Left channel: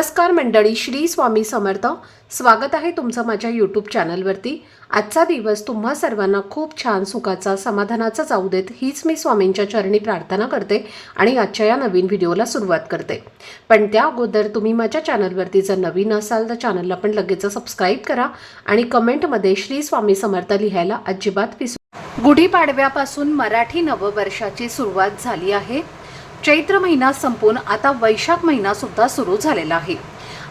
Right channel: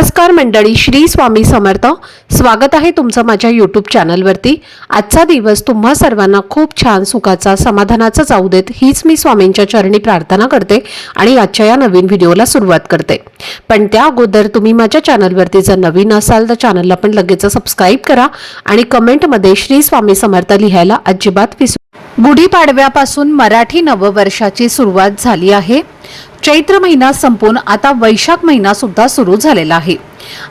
नमस्कार मंडळी, श्री स्वामी समर्थ। स्वागत आहे तुमचं माझ्या यूट्यूब चॅनलवरती। आजचा दिवस तुम्हा सर्वांना खूप छान सुखाचा समाधानाचा जाऊ देत हीच मी स्वामींच्या चरणी प्रार्थना करते आणि आजच्या या नवीन व्हिडिओला सुरुवात करते। पण त्या अगोदर तुम्ही माझ्या चॅनलवरती जर नवीन असाल तर चॅनलला पण लगेच सबस्क्राइब करा आणि कमेंटमध्ये श्री स्वामी समर्थ लिहायला अजिबात विसरू। गुढीपाडव्यापासून मराठी नववर्षाची सुरुवात झाली आहे। चैत्र महिना संपून आता वैशाख महिना सुद्धा सुरू झालेला आहे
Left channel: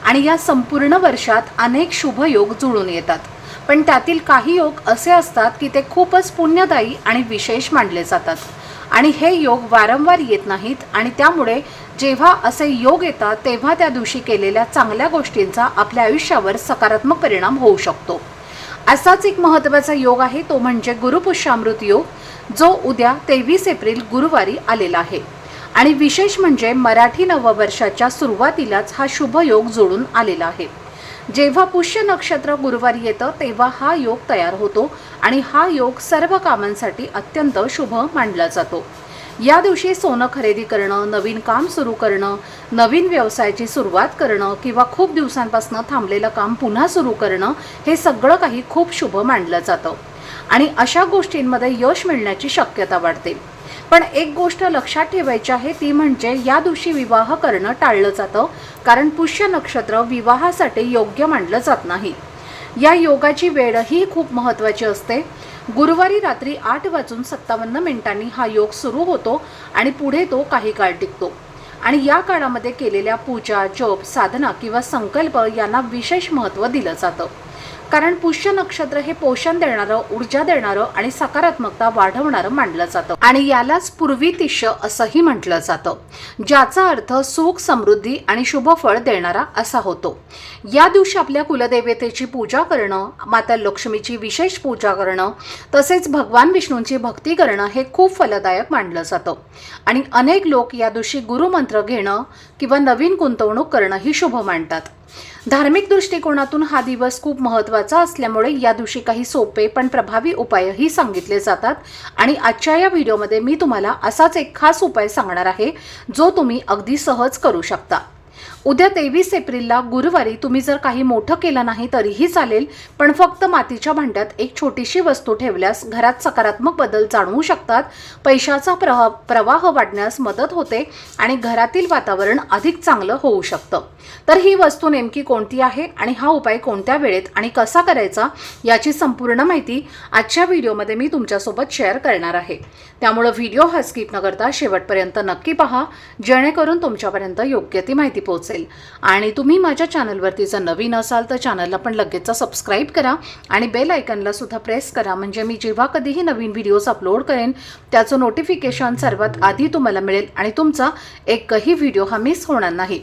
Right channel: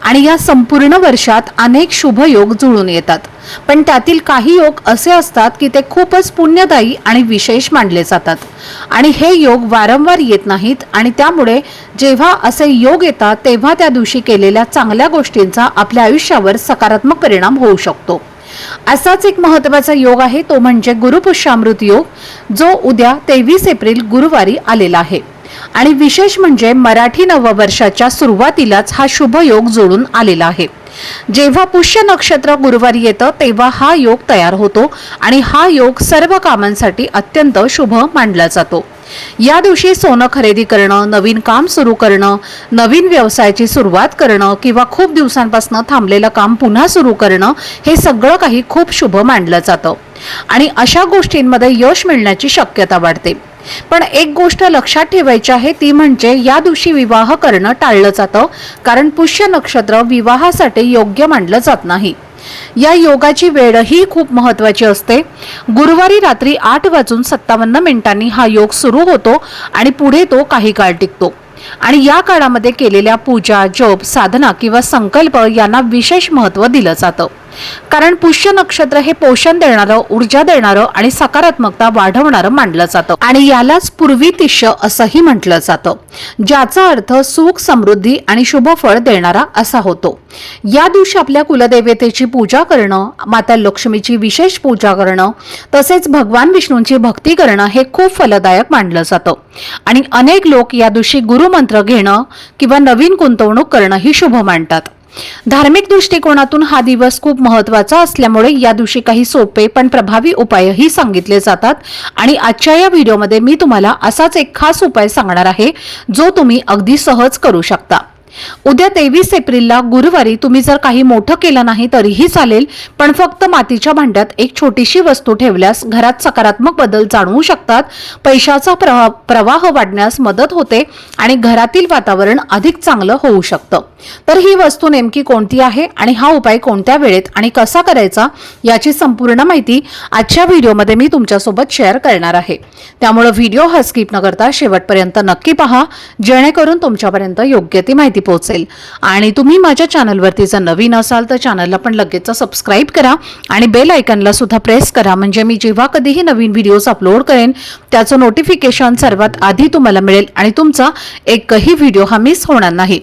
आणि या संपूर्ण वर्षात अनेक शुभ योग जुळून येतात। पण त्यातील काही योग असे असतात की ते खूपच पुण्यदायी आणि विशेष मानले जातात आणि हे योग वारंवार येत नाहीत आणि त्यामुळे जेव्हा असे योग येतात तेव्हा त्या दिवशी केलेल्या चांगल्या गोष्टींचा आपल्या आयुष्यावर सकारात्मक परिणाम होऊ शकतो। असाच एक महत्त्वाचा योग आहे तो म्हणजे गुरुपुष्यामृत योग, जो उद्या 23 एप्रिल गुरुवारी आलेला आहे। आणि विशेष म्हणजे मराठी नववर्षाच्या सुरुवातीलाच हा शुभ योग जोडून आलेला आहे। जेव्हा पुष्य नक्षत्र गुरुवारी येतं तेव्हा हा योग तयार होतो आणि हा योग सर्व कामांसाठी अत्यंत शुभ मानला जातो। या दिवशी सोनं खरेदी करणं, नवीन काम सुरू करणं, नवीन व्यवसायाची सुरुवात करणं किंवा खूप दिवसांपासून थांबलेलं काम पुन्हा सुरू करणं हे सगळं काही खूप शुभ मानलं जातं आणि अशा गोष्टींमध्ये यश मिळण्याची शक्यता वाढते। पण एक गोष्ट लक्षात ठेवायची आहे ती म्हणजे या दिवशी विवाह करणं टाळलं जातं, कारण पुष्य नक्षत्र विवाहासाठी योग्य मानलं जात नाही। या योगाची वेळही खूप महत्त्वाची असते। गुरुवारी रात्री 8:57 हा योग सुरू होतो आणि पुढे तो काही काळ टिकतो आणि या काळामध्ये केलेल्या पूजा, जप, साधना किंवा संकल्प यांना विशेष महत्त्व दिलं जातं, कारण पुष्य नक्षत्र हे पोषण देणारं, ऊर्जा देणारं आणि सकारात्मकता वाढवणारं मानलं जातं आणि यालाच पूर्वीतिष्य असंही म्हटलं जातं, ज्याचा अर्थ सुख, समृद्धी आणि शुभ फळ देणारा असा होतो। या दिवशी आपल्या कुलदेवतेची पूजा करणं, माता लक्ष्मीची विशेष पूजा करणं, तसेच भगवान विष्णूंची भक्ती करणं हे खूप फलदायक मानलं जातं आणि अनेक लोक या दिवशी गुरुमंत्र घेणं किंवा नवीन गुंतवणूक करणं ही शुभ मानतात। धार्मिक दृष्टिकोनातून हा दिवस खूप महत्त्वाचा असल्यामुळे या दिवशी काही सोपे पण प्रभावी उपायही सांगितले जातात आणि आजच्या या व्हिडिओमध्ये मी तुम्हाला असाच एक खास उपाय सांगणार आहे जो तुम्ही अगदी सहज करू शकता। उद्या 23 एप्रिलला गुरुवारी तुम्ही जर काही मोठं केलं नाही तरीही चालेल, पण फक्त मातीच्या भांड्यात एक छोटीशी वस्तू ठेवल्यास घरात सकारात्मक बदल जाणवू शकतात, पैशाचा प्रवाह वाढण्यास मदत होते आणि घरातील वातावरण अधिक चांगलं होऊ शकतं। तर ही वस्तू नेमकी कोणती आहे आणि हा उपाय कोणत्या वेळेत आणि कसा करायचा याची संपूर्ण माहिती आजच्या व्हिडिओमध्ये मी तुमच्यासोबत शेअर करणार आहे। त्यामुळे व्हिडिओ हा स्किप न करता शेवटपर्यंत नक्की पहा, जेणेकरून तुमच्यापर्यंत योग्य ती माहिती पोहोचेल। आणि तुम्ही माझ्या चॅनलवरती जर नवीन असाल तर चॅनलला पण लगेच सबस्क्राइब करा आणि बेल आयकॉनला सुद्धा प्रेस करा, म्हणजे मी जेव्हा कधीही नवीन व्हिडिओज अपलोड करेन त्याचं नोटिफिकेशन सर्वात आधी तुम्हाला मिळेल आणि तुमचा एकही व्हिडिओ हा मिस होणार नाही।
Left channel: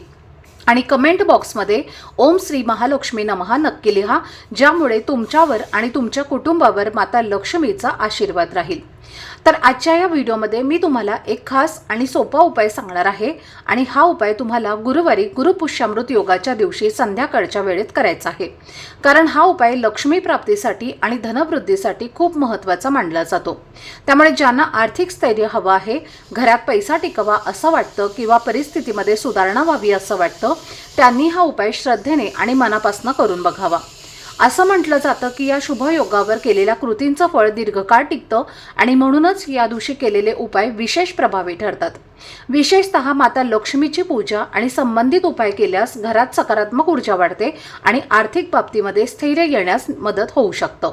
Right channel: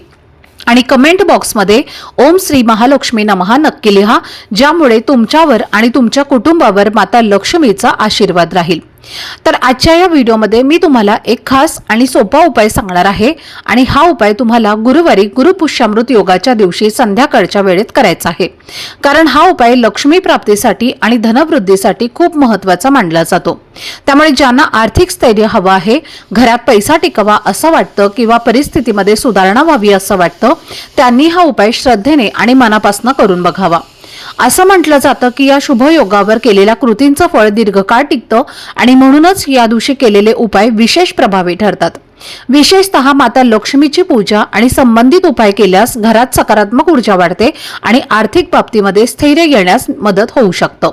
आणि कमेंट बॉक्समध्ये ओम श्री महालक्ष्मी नमः नक्की लिहा, ज्यामुळे तुमच्यावर आणि तुमच्या कुटुंबावर माता लक्ष्मीचा आशीर्वाद राहील। तर आजच्या या व्हिडिओमध्ये मी तुम्हाला एक खास आणि सोपा उपाय सांगणार आहे आणि हा उपाय तुम्हाला गुरुवारी गुरुपुष्यामृत योगाच्या दिवशी संध्याकाळच्या वेळेत करायचा आहे, कारण हा उपाय लक्ष्मी प्राप्तीसाठी आणि धनवृद्धीसाठी खूप महत्त्वाचा मानला जातो। त्यामुळे ज्यांना आर्थिक स्थैर्य हवं आहे, घरात पैसा टिकावा असं वाटतं किंवा परिस्थितीमध्ये सुधारणा व्हावी असं वाटतं, त्यांनी हा उपाय श्रद्धेने आणि मनापासून करून बघावा। असं म्हटलं जातं की या शुभ योगावर केलेल्या कृतींचं फळ दीर्घकाळ टिकतं आणि म्हणूनच या दिवशी केलेले उपाय विशेष प्रभावी ठरतात। विशेषतः माता लक्ष्मीची पूजा आणि संबंधित उपाय केल्यास घरात सकारात्मक ऊर्जा वाढते आणि आर्थिक बाबतीमध्ये स्थैर्य येण्यास मदत होऊ शकतं।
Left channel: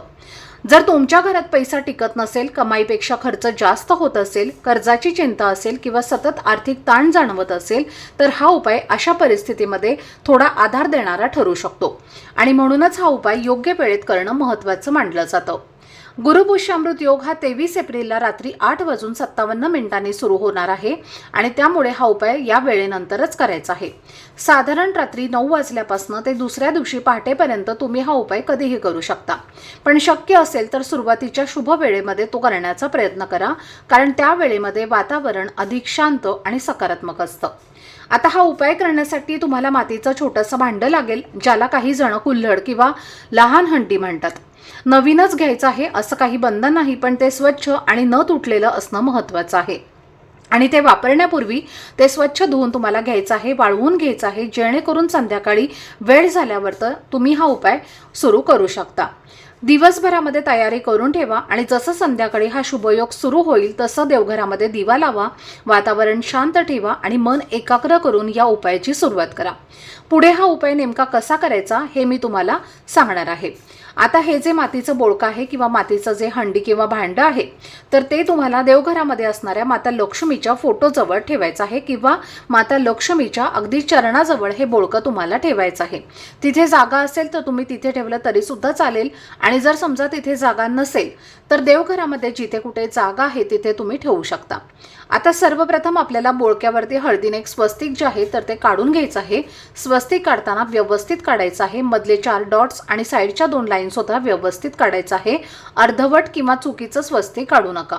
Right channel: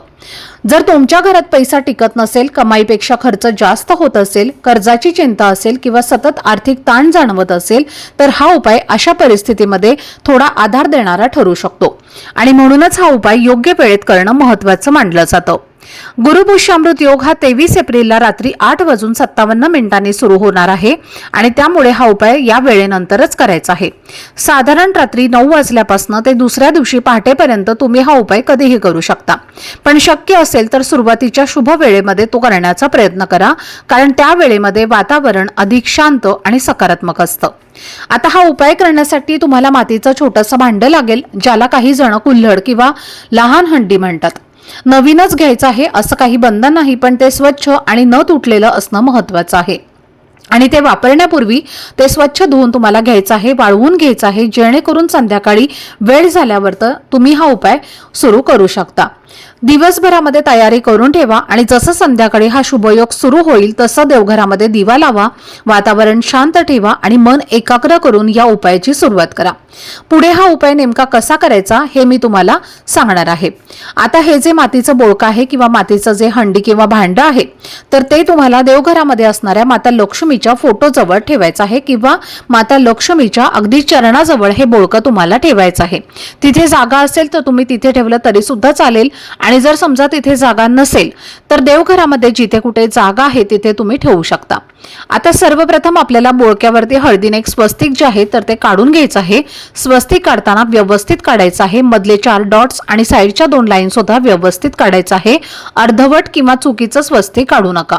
जर तुमच्या घरात पैसा टिकत नसेल, कमाईपेक्षा खर्च जास्त होत असेल, कर्जाची चिंता असेल किंवा सतत आर्थिक ताण जाणवत असेल तर हा उपाय अशा परिस्थितीमध्ये थोडा आधार देणारा ठरू शकतो आणि म्हणूनच हा उपाय योग्य वेळेत करणं महत्त्वाचं मानलं जातं। गुरुपुष्यामृत योग हा 23 एप्रिलला रात्री 8:57 सुरू होणार आहे आणि त्यामुळे हा उपाय या वेळेनंतरच करायचा आहे। साधारण रात्री 9 वाजल्यापासून ते दुसऱ्या दिवशी पहाटेपर्यंत तुम्ही हा उपाय कधीही करू शकता, पण शक्य असेल तर सुरुवातीच्या शुभ वेळेमध्ये तो करण्याचा प्रयत्न करा, कारण त्या वेळेमध्ये वातावरण अधिक शांत आणि सकारात्मक असतं। आता हा उपाय करण्यासाठी तुम्हाला मातीचं छोटंसं भांडं लागेल, ज्याला काही जण कुल्हड किंवा लहान हंडी म्हणतात। नवीनच घ्यायचं आहे असं काही बंधन नाही, पण ते स्वच्छ आणि न तुटलेलं असणं महत्त्वाचं आहे। आणि ते वापरण्यापूर्वी ते स्वच्छ धुवून तुम्हाला घ्यायचं आहे, वाळवून घ्यायचं आहे, जेणेकरून संध्याकाळी वेळ झाल्यावर तर तुम्ही हा उपाय सुरू करू शकता। दिवसभरामध्ये तयारी करून ठेवा आणि जसं संध्याकाळी हा शुभयोग सुरू होईल तसं देवघरामध्ये दिवा लावा, वातावरण शांत ठेवा आणि मन एकाग्र करून या उपायाची सुरुवात करा। पुढे हा उपाय नेमका कसा करायचा हे मी तुम्हाला सांगणार आहे। आता हे जे मातीचं बोळकं आहे किंवा मातीचं जे हंडी किंवा भांडं आहे तर ते तुम्हाला देवघरामध्ये असणाऱ्या माता लक्ष्मीच्या फोटोजवळ ठेवायचं आहे किंवा माता लक्ष्मीच्या अगदी चरणाजवळ हे बोळकं तुम्हाला ठेवायचं आहे। तिथे जागा असेल तर तुम्ही तिथे ठेवलं तरी सुद्धा चालेल आणि जर समजा तिथे जागा नसेल तर देवघरामध्ये जिथे कुठे जागा आहे तिथे तुम्ही ठेवू शकता। आता सर्वप्रथम आपल्याला बोळक्यावरती हळदीने एक स्वस्तिक जे आहे तर ते काढून घ्यायचं आहे। स्वस्तिक काढताना व्यवस्थित काढायचं आहे, मधले 4 डॉट्स आणि साइडच्या 2 लाईन सुद्धा व्यवस्थित काढायचं आहे। अर्धवट किंवा चुकीचं स्वस्तिक काढू नका,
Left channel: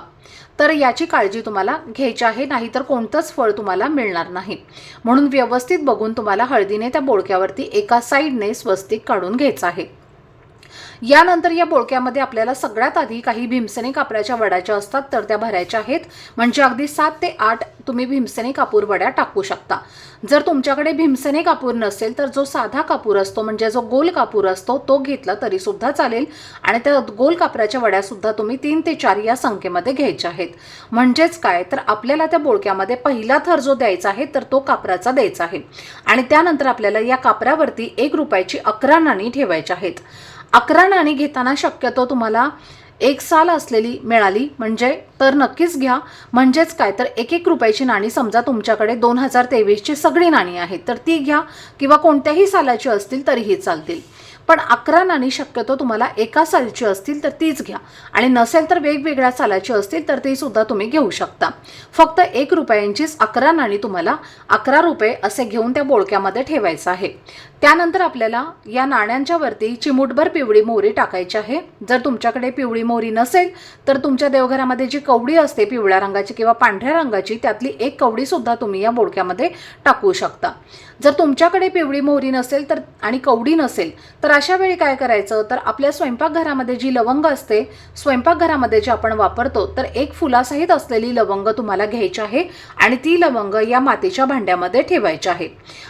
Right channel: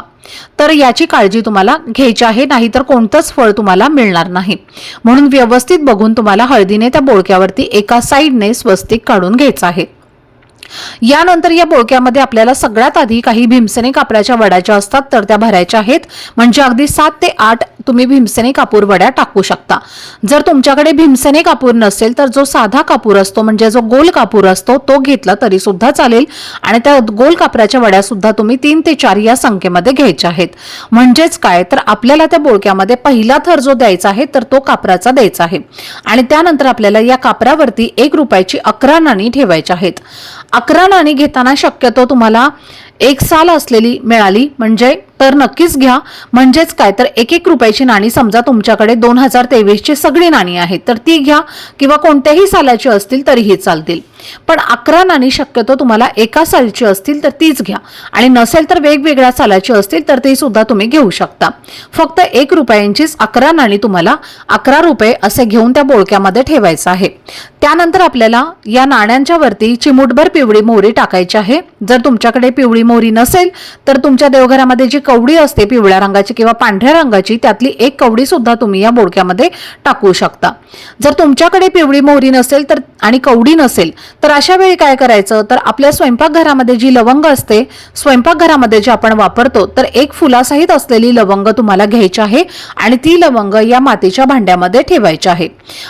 तर याची काळजी तुम्हाला घ्यायची आहे, नाहीतर कोणतंच फळ तुम्हाला मिळणार नाही। म्हणून व्यवस्थित बघून तुम्हाला हळदीने त्या बोळक्यावरती एका साइडने स्वस्तिक काढून घ्यायचं आहे। यानंतर या बोळक्यामध्ये आपल्याला सगळ्यात आधी काही भीमसेनी कापराच्या वड्या ज्या असतात तर त्या भरायच्या आहेत, म्हणजे अगदी 7 ते 8 तुम्ही भीमसेनी कापूर वड्या टाकू शकता। जर तुमच्याकडे भीमसेनी कापूर नसेल तर जो साधा कापूर असतो म्हणजे जो गोल कापूर असतो तो घेतला तरी सुद्धा चालेल आणि त्या गोल कापराच्या वड्या सुद्धा तुम्ही 3 ते 4 या संख्येमध्ये घ्यायच्या आहेत। म्हणजेच काय तर आपल्याला त्या बोळक्यामध्ये पहिला थर जो द्यायचा आहे तर तो कापराचा द्यायचा आहे आणि त्यानंतर आपल्याला या कापरावरती 1 रुपयाची 11 नाणी ठेवायची आहेत। 11 नाणी घेताना शक्यतो तुम्हाला 1 साल असलेली मिळाली म्हणजे तर नक्कीच घ्या। म्हणजेच काय तर 1-1 रुपयाची नाणी समजा तुमच्याकडे 2023 ची सगळी नाणी आहेत तर ती घ्या किंवा कोणत्याही सालाची असतील तरीही चालतील, पण 11 नाणी शक्यतो तुम्हाला एका सालची असतील तर तीच घ्या आणि नसेल तर वेगवेगळ्या सालाची असतील तर ती सुद्धा तुम्ही घेऊ शकता। फक्त 1 रुपयांचीच 11 नाणी तुम्हाला 11 रुपये असे घेऊन त्या बोळक्यामध्ये ठेवायचं आहे। त्यानंतर आपल्याला या नाण्यांच्या वरती चिमूटभर पिवळी मोहरी टाकायची आहे। जर तुमच्याकडे पिवळी मोहरी नसेल तर तुमच्या देवघरामध्ये जी कवडी असते पिवळ्या रंगाची किंवा पांढऱ्या रंगाची त्यातली 1 कवडी सुद्धा तुम्ही या बोळक्यामध्ये टाकू शकता। जर तुमच्याकडे पिवळी मोहरी नसेल तर आणि कवडी नसेल तर अशा वेळी काय करायचं तर आपल्या स्वयंपाकघरामध्ये जी लवंग असते स्वयंपाकघरामध्ये जे आपण वापरतो तर 1 फुलासहित असलेली लवंग तुम्हाला घ्यायची आहे आणि ती लवंग या मातीच्या भांड्यामध्ये ठेवायची आहे।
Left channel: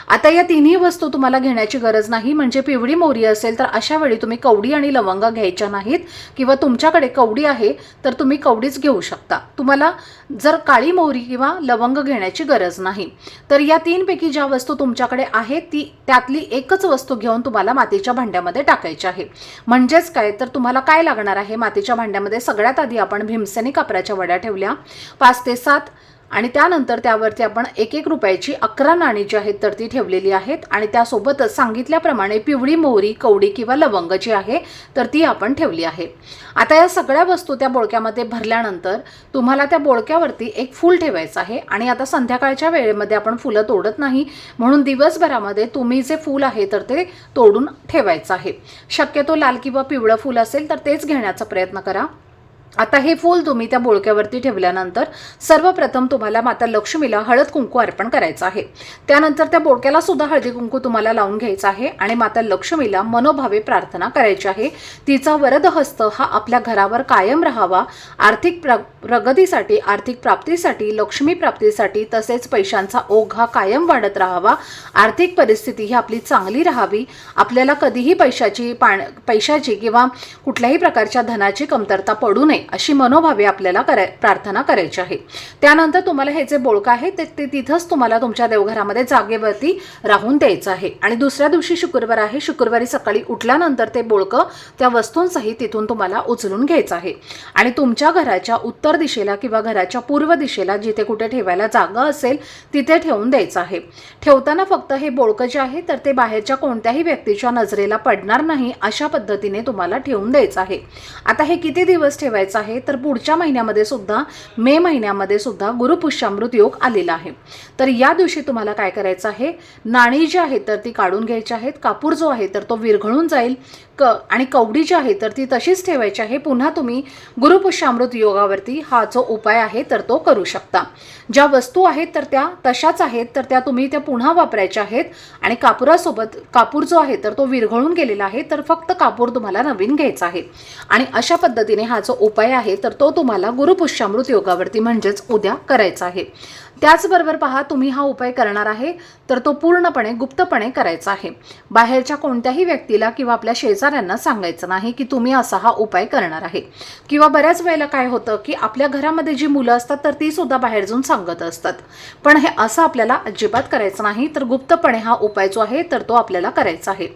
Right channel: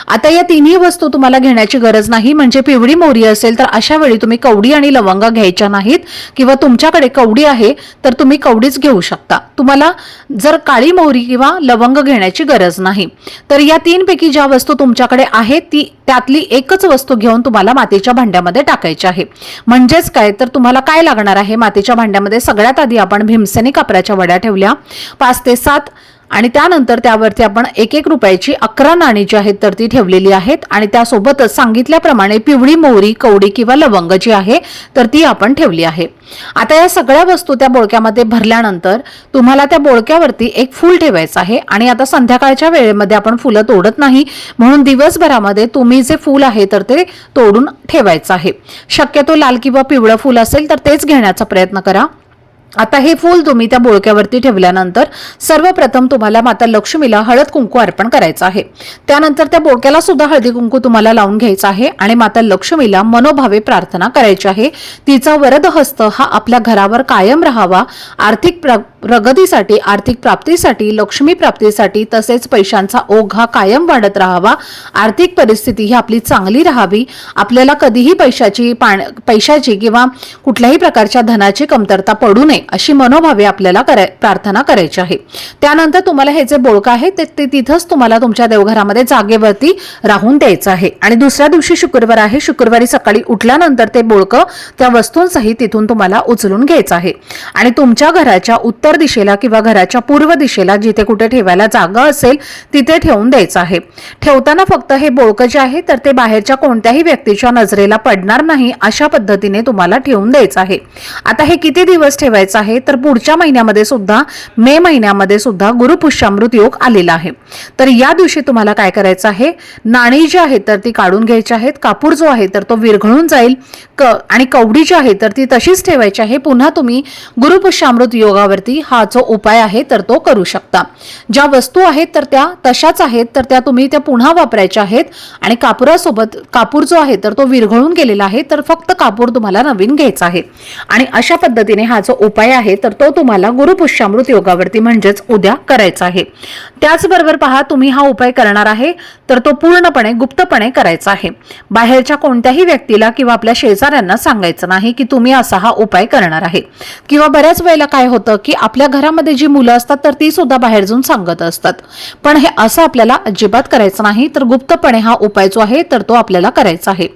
आता या तिन्ही वस्तू तुम्हाला घेण्याची गरज नाही, म्हणजे पिवळी मोहरी असेल तर अशा वेळी तुम्ही कवडी आणि लवंग घ्यायच्या नाहीत किंवा तुमच्याकडे कवडी आहे तर तुम्ही कवडीच घेऊ शकता। तुम्हाला जर काळी मोहरी किंवा लवंग घेण्याची गरज नाही। तर या 3 पैकी ज्या वस्तू तुमच्याकडे आहेत ती त्यातली एकच वस्तू घेऊन तुम्हाला मातीच्या भांड्यामध्ये टाकायची आहे। म्हणजेच काय तर तुम्हाला काय लागणार आहे मातीच्या भांड्यामध्ये सगळ्यात आधी आपण भीमसेनी कापराच्या वड्या ठेवल्या 5 ते 7 आणि त्यानंतर त्यावरती आपण 1-1 रुपयाची 11 नाणी जी आहेत तर ती ठेवलेली आहेत आणि त्यासोबतच सांगितल्याप्रमाणे पिवळी मोहरी कवडी किंवा लवंग जी आहे तर ती आपण ठेवली आहे। आता या सगळ्या वस्तू त्या बोळक्यामध्ये भरल्यानंतर तुम्हाला त्या बोळक्यावरती 1 फूल ठेवायचं आहे आणि आता संध्याकाळच्या वेळेमध्ये आपण फुलं तोडत नाही, म्हणून दिवसभरामध्ये तुम्ही जे फूल आहे तर ते तोडून ठेवायचं आहे। शक्यतो लाल किंवा पिवळं फूल असेल तर तेच घेण्याचा प्रयत्न करा। आता हे फूल तुम्ही त्या बोळक्यावरती ठेवल्यानंतर सर्वप्रथम तुम्हाला माता लक्ष्मीला हळद कुंकू अर्पण करायचं आहे। त्यानंतर त्या बोळक्याला सुद्धा हळदी कुंकू तुम्हाला लावून घ्यायचं आहे आणि माता लक्ष्मीला मनोभावे प्रार्थना करायची आहे। तिचा वरद हस्त हा आपल्या घरावर कायम राहावा, आर्थिक प्रगतीसाठी, आर्थिक प्राप्तीसाठी, लक्ष्मी प्राप्तीसाठी, तसेच पैशांचा ओघ हा कायम वाढत राहावा, आर्थिक परिस्थिती ही आपली चांगली राहावी, आपल्याला कधीही पैशाची किंवा कुठल्याही प्रकारच्या धनाची कमतरता पडू नये अशी मनोभावे आपल्याला प्रार्थना करायची आहे। त्यानंतर तुम्हाला हे जे बोळकं आहे ते तिथंच तुम्हाला तुमच्या देवघरामध्ये जागेवरती राहून द्यायचं आहे आणि दुसऱ्या दिवशी शुक्रवार आहे, शुक्रवारी सकाळी उठल्यानंतर ते बोळकं त्या वस्तूंसहित तिथून तुम्हाला उचलून घ्यायचं आहे आणि तुमच्या घराच्या उत्तर दिशेला किंवा घराच्या पूर्व दिशेला जिथे कुठे ठेवायला जागा असेल तिथे ठेवून द्यायचं आहे। ठेवताना फक्त हे बोळकं जे आहे तर ते बाहेरच्या कोणत्याही व्यक्तीच्या नजरेला पडणार नाही अशा पद्धतीने तुम्हाला ठेवून द्यायचं आहे। आता हे किती दिवस ठेवायचं आहे तर पुढच्या महिन्यामध्ये सुद्धा मे महिन्यामध्ये सुद्धा गुरुपुष्यामृत योग आलेला आहे। तर या दिवशी तुम्हाला काय करायचं आहे, नाणी जी आहेत तर ती काढून घ्यायची आहेत, कापूर जो आहे तर तो विरघळून जाईल आणि कवडी जी आहे तर ती तशीच ठेवायची आहे। पुन्हा तुम्ही गुरुपुष्यामृत योगावरती हा जो उपाय आहे तर तो करू शकता। ज्या वस्तू आहेत तर त्या तशाच आहेत तर त्या तुम्ही त्या पुन्हा वापरायच्या आहेत आणि कापुरासोबत कापूर जो आहे तर तो विरघळून गेलेला आहे तर फक्त कापूर तुम्हाला नवीन घ्यायचा आहे आणि अशा पद्धतीने हा जो उपाय आहे तर तो तुम्हाला गुरुपुष्यामृत योगावरती म्हणजेच उद्या करायचा आहे। त्याचबरोबर पहा, तुम्ही हा उपाय करणार आहे तर तो पूर्णपणे गुप्तपणे करायचा आहे। बाहेरच्या कोणत्याही व्यक्तीला किंवा आपल्या शेजाऱ्यांना सांगायचं नाही की तुम्ही असा हा उपाय करणार आहे। किंवा बऱ्याच वेळेला काय होतं की आपल्या घरामध्ये जी मुलं असतात तर ती सुद्धा बाहेर जाऊन सांगत असतात, पण हे असं आपल्याला अजिबात करायचं नाही। तर गुप्तपणे हा उपाय जो आहे तर तो आपल्याला करायचा आहे।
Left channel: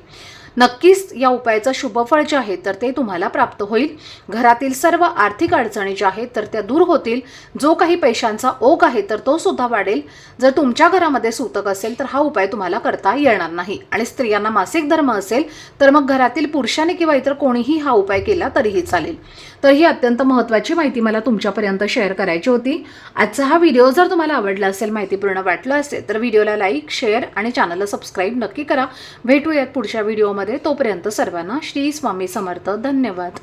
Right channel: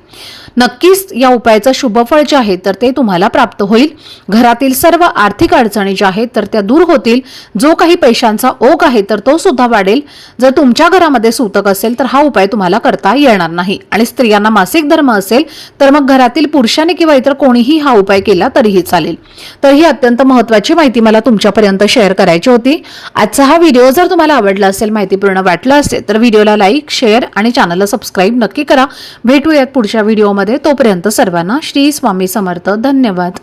नक्कीच या उपायाचं शुभफळ जे आहे तर ते तुम्हाला प्राप्त होईल। घरातील सर्व आर्थिक अडचणी ज्या आहेत तर त्या दूर होतील। जो काही पैशांचा ओघ आहे तर तो सुद्धा वाढेल। जर तुमच्या घरामध्ये सूतक असेल तर हा उपाय तुम्हाला करता येणार नाही। आणि स्त्रियांना मासिक धर्म असेल तर मग घरातील पुरुषाने किंवा इतर कोणीही हा उपाय केला तरीही चालेल। तर ही अत्यंत महत्त्वाची माहिती मला तुमच्यापर्यंत शेअर करायची होती। आजचा हा व्हिडिओ जर तुम्हाला आवडला असेल, माहितीपूर्ण वाटला असेल तर व्हिडिओला लाईक, शेअर आणि चॅनलला सबस्क्राईब नक्की करा। भेटूयात पुढच्या व्हिडिओमध्ये। तोपर्यंत सर्वांना श्री स्वामी समर्थ। धन्यवाद।